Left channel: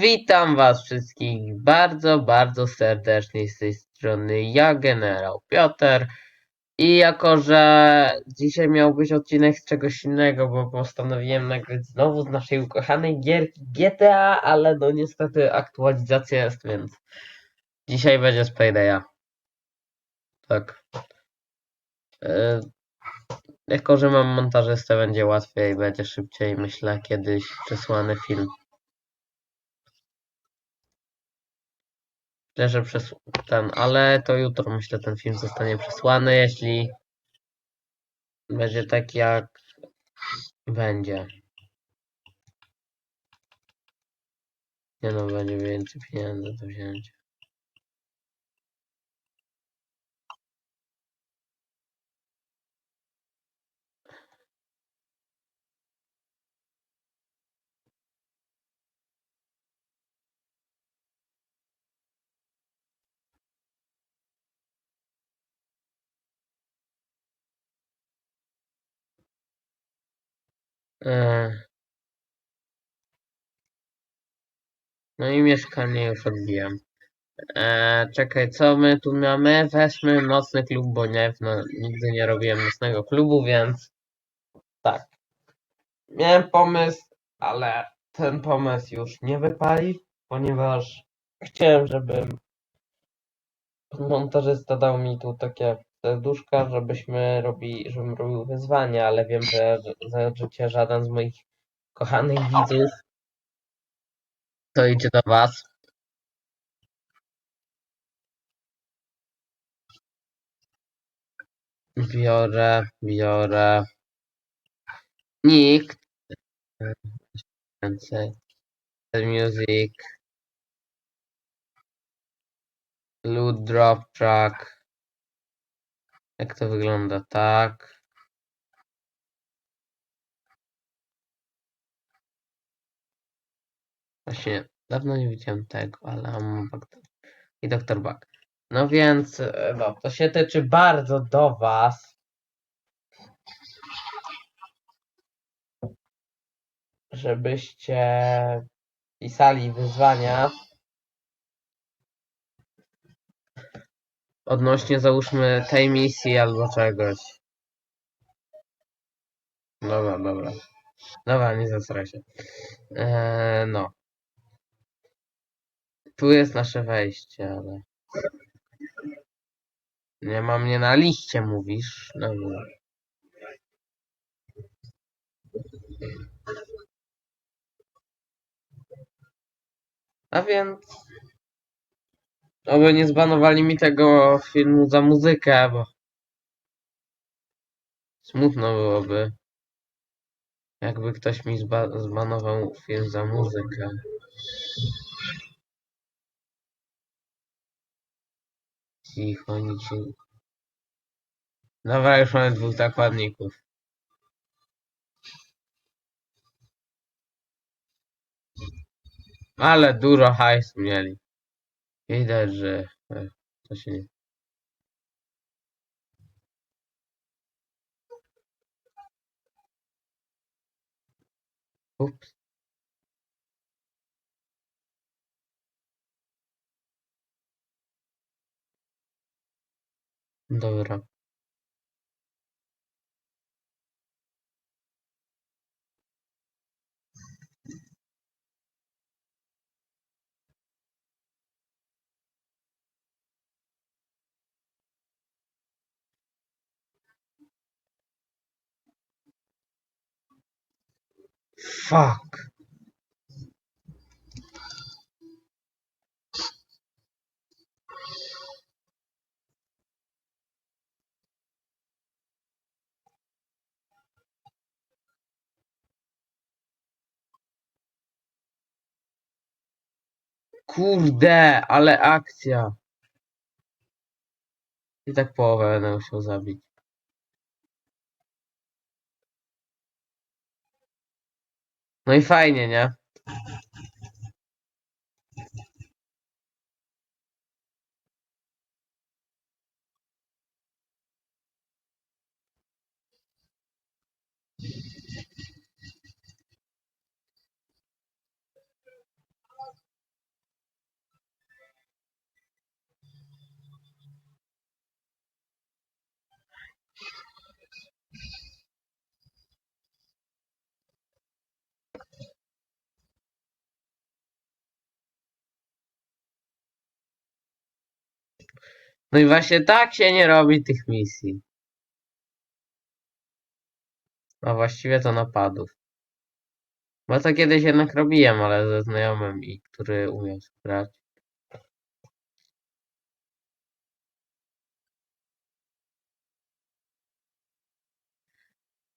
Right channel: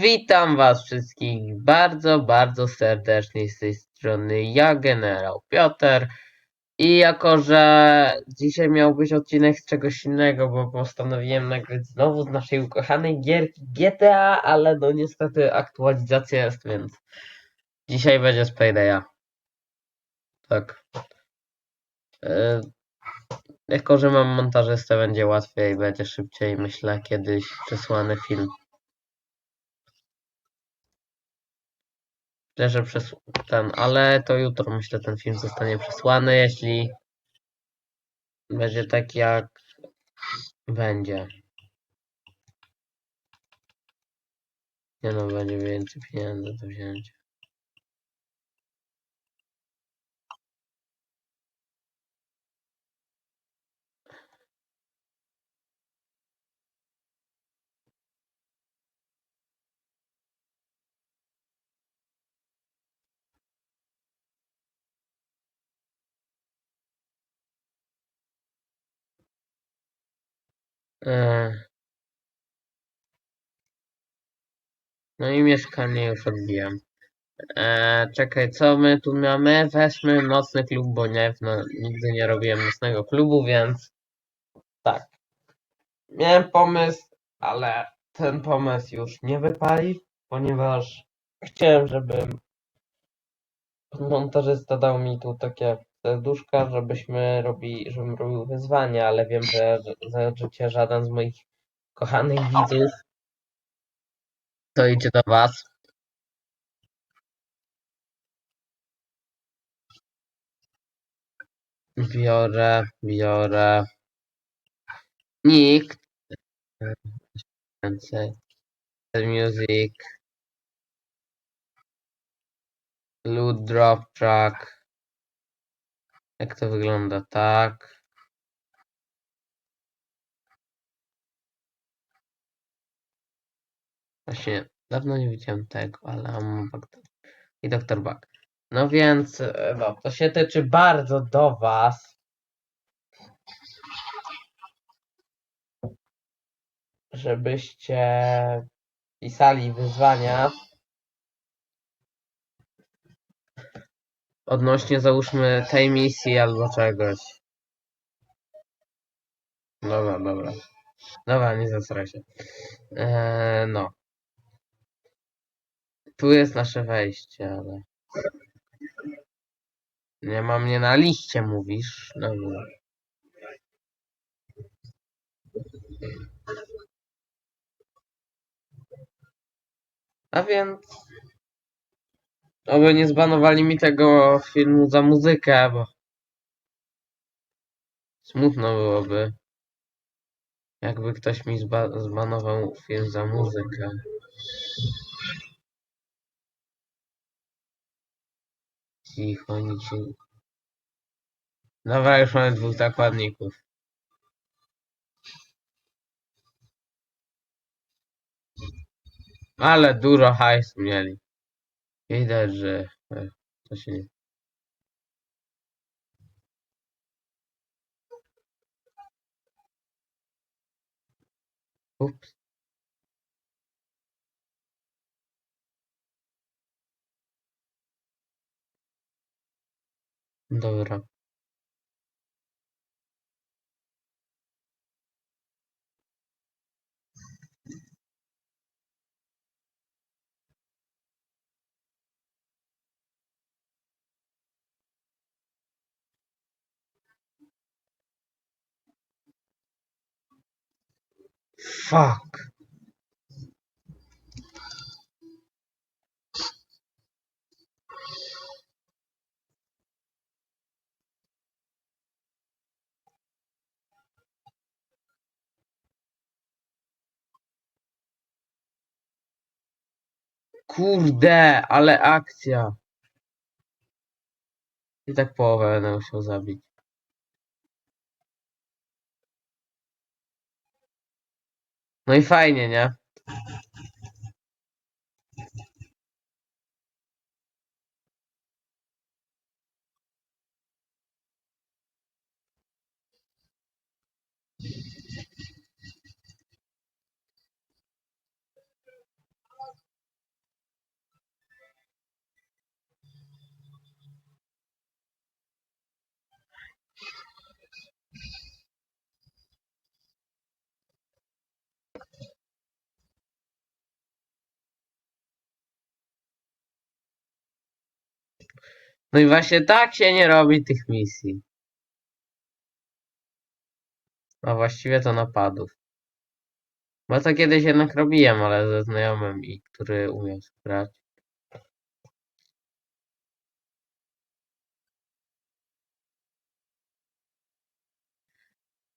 Witam Was wszystkich bardzo, bardzo serdecznie z tej strony ja, generał Piotr. I jako, że dzisiaj miał być odcinek z czegoś innego, bo postanowiłem nagrać znowu z naszej ukochanej gierki GTA, ale no niestety aktualizacja jest, więc dzisiaj będzie z Paydaya. Tak. E, jako, że mam montażystę, będzie łatwiej, będzie szybciej, myślę, kiedyś przesłany film. Myślę, że przez ten, ale to jutro myślę ten film zostanie przesłany, jeśli będzie tak jak będzie. Nie no, będzie więcej pieniędzy do wzięcia. No i mieszkanie już odbijam. Eee, czekaj, co my tu mamy? Weźmy nocny klub, bo nie, no, nigdy nie robiłem nocnego klubu, więc tak. Miałem pomysł, ale ten pomysł już nie wypali, ponieważ chciałem, żeby montażysta dał mi tu takie serduszka, żebyśmy robili, żebym robił wyzwania, ale wiem, że za życie żaden z moich kochanych widzów to idzie do was. Biorę, biorę. Nikt. Więcej. Music. Loot drop track. Jak to wygląda? Tak. Właśnie dawno nie widziałem tego, ale. I Dr. Bug. No więc, e, no, to się tyczy bardzo do Was. Żebyście pisali wyzwania odnośnie załóżmy tej misji albo czegoś. Dobra, dobra. Dobra, nie zasraj się. Eee, no. Tu jest nasze wejście, ale... Nie ma mnie na liście, mówisz? Dobra. A więc... Oby nie zbanowali mi tego filmu za muzykę, bo... Smutno byłoby. Jakby ktoś mi zba zbanował film za muzykę. Cicho, nic. Dobra, już mamy dwóch zakładników. Ale dużo hajsu mieli. Widać, że e, to się nie... Ups. Dobra. Fuck. Kurde, ale akcja. I tak połowę będę musiał zabić. I fajnie, nie? No i właśnie tak się nie robi tych misji. A właściwie to napadów. Bo to kiedyś jednak robiłem, ale ze znajomym i który umiał grać.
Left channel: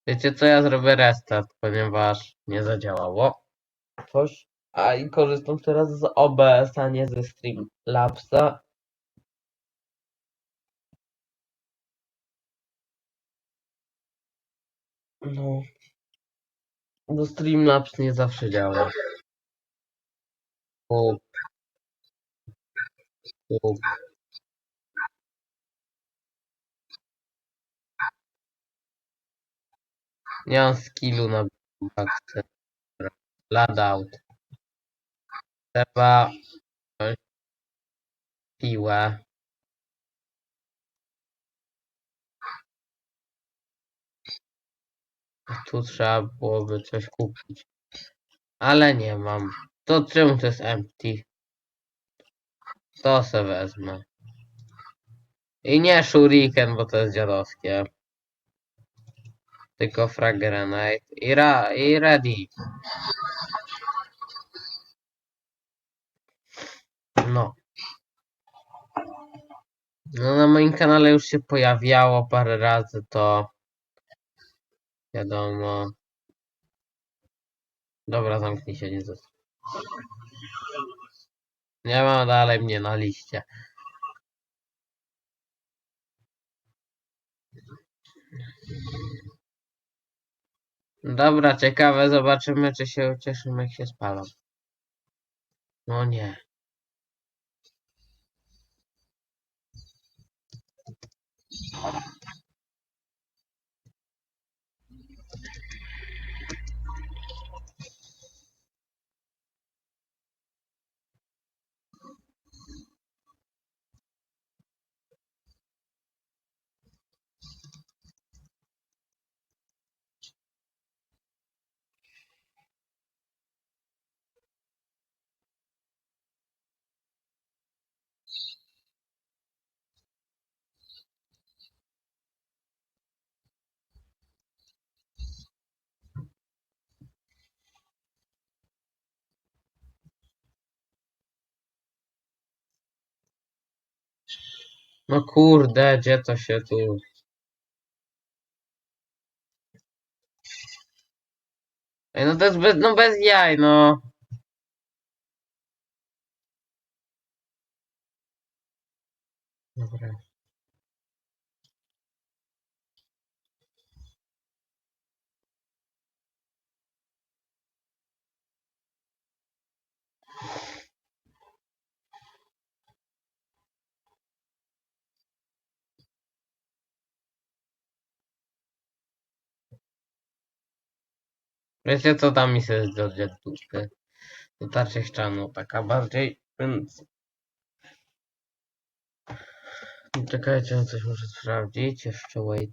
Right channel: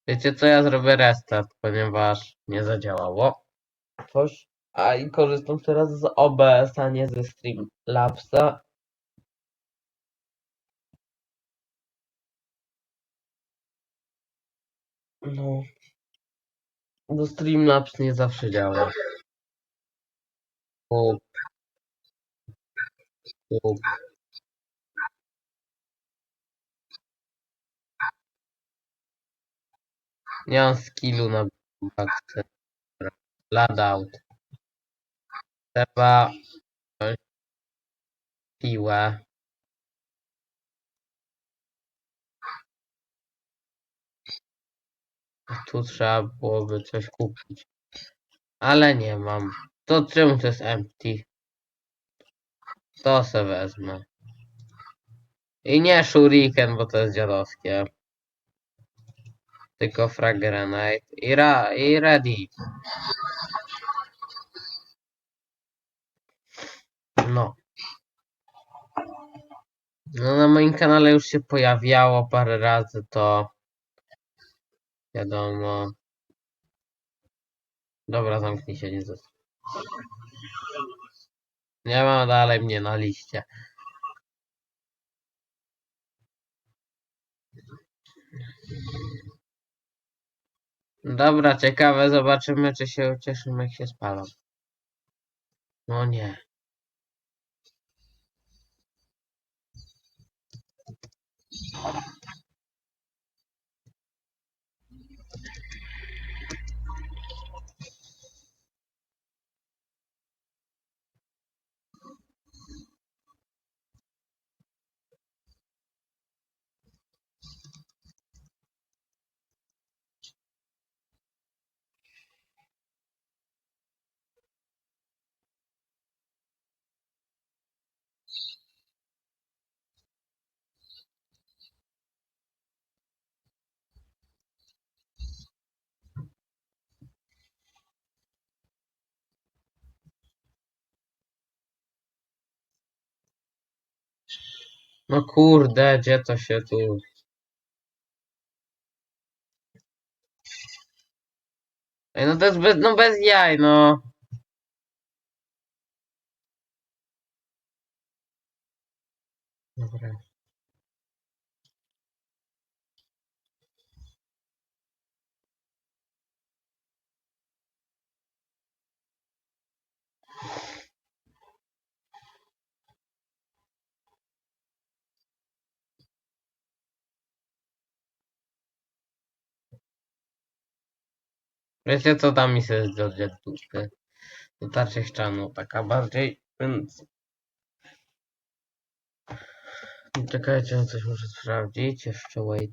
Wiecie co, ja zrobię restart, ponieważ nie zadziałało coś. A i korzystam teraz z OBS, a nie ze Streamlabsa. No. Bo Streamlabs nie zawsze działa. Kup. Kup. Nie mam skillu na bakce. Ladout. Trzeba piłę. Tu trzeba byłoby coś kupić. Ale nie mam. To czemu to jest empty? To se wezmę. I nie shuriken, bo to jest dziadowskie. Tylko frag grenade. I, ra i ready. No. No na moim kanale już się pojawiało parę razy to wiadomo. Dobra, zamknij się, Jezus. Nie ma dalej mnie na liście. Dobra, ciekawe, zobaczymy czy się ucieszymy jak się spalą. No nie. No kurde, gdzie to się tu... Ej, no to jest bez, no bez jaj, no. Dobra. Wiecie co tam mi się z George Tłusty? To ta ścianu taka bardziej, więc... Czekajcie, coś muszę sprawdzić, jeszcze wait.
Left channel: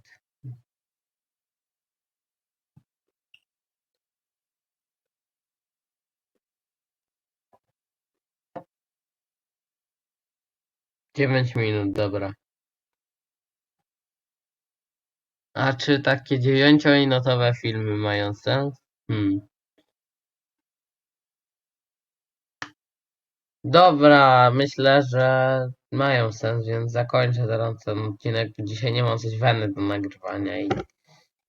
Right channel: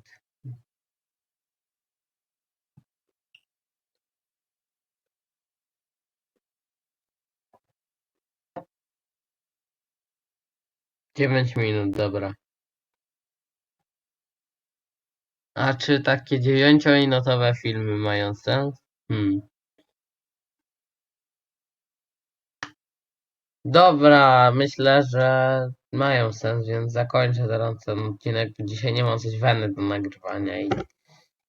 Dziewięć minut, dobra. A czy takie dziewięciominutowe filmy mają sens? Hmm. Dobra, myślę, że mają sens, więc zakończę teraz ten odcinek. Dzisiaj nie mam coś weny do nagrywania i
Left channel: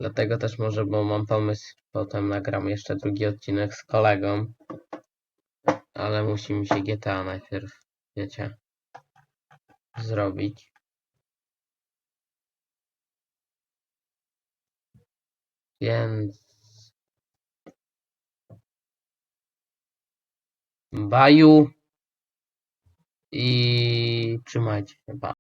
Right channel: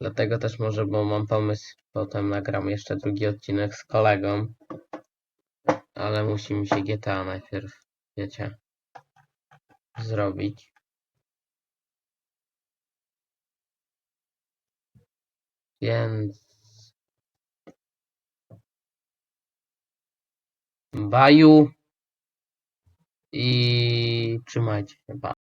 dlatego też może, bo mam pomysł, potem nagram jeszcze drugi odcinek z kolegą. Ale musi mi się GTA najpierw, wiecie, zrobić. Więc... Baju i trzymajcie się. Pa.